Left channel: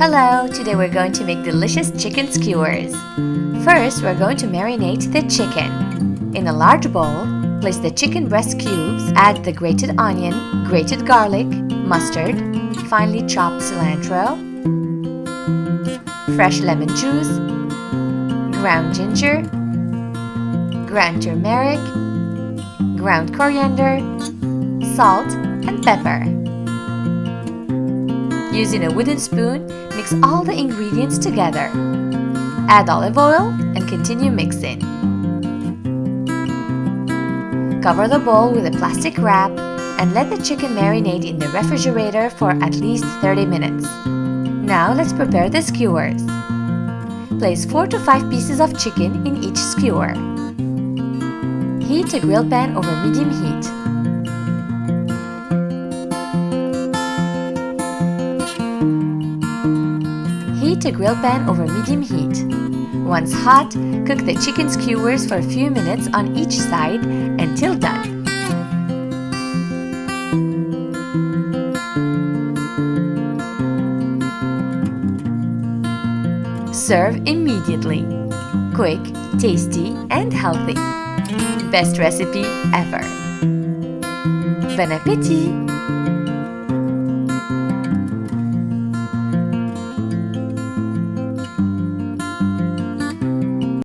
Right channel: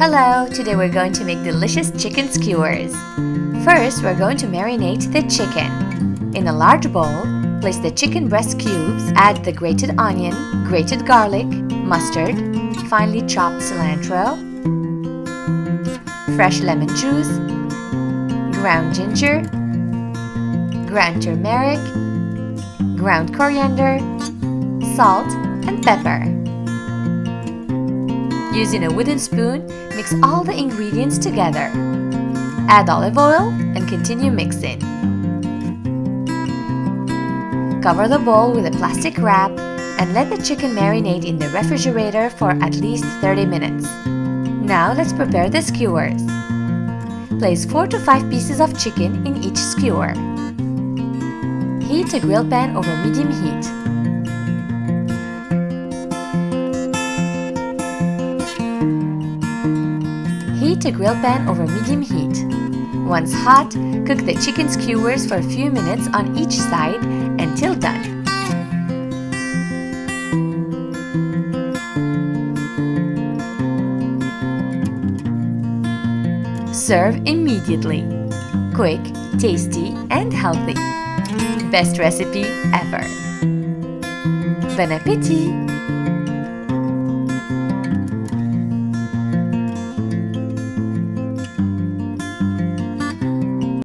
Hello, today we're going to make delicious chicken skewers. First, we're going to marinate the chicken. In a large bowl, place the chicken breast cubes, add the grated onion, grated garlic, mustard, finely chopped cilantro, fresh lemon juice, ground ginger, ground turmeric, ground coriander, salt, and pepper. Using a wooden spoon, mix all the ingredients together. Add olive oil and continue mixing. Cover the bowl with a plastic wrap and let the chicken marinate in the refrigerator for at least 30 minutes. Now let's prepare the skewers. Place 4 to 5 pieces of chicken in each skewer. Heat a grill pan over medium heat. Heat a grill pan over medium heat. Once hot, cook the chicken skewers for a few minutes on each side until done. Serve immediately. Quick, tasty, and healthy. Best recipe ever. Bon appétit!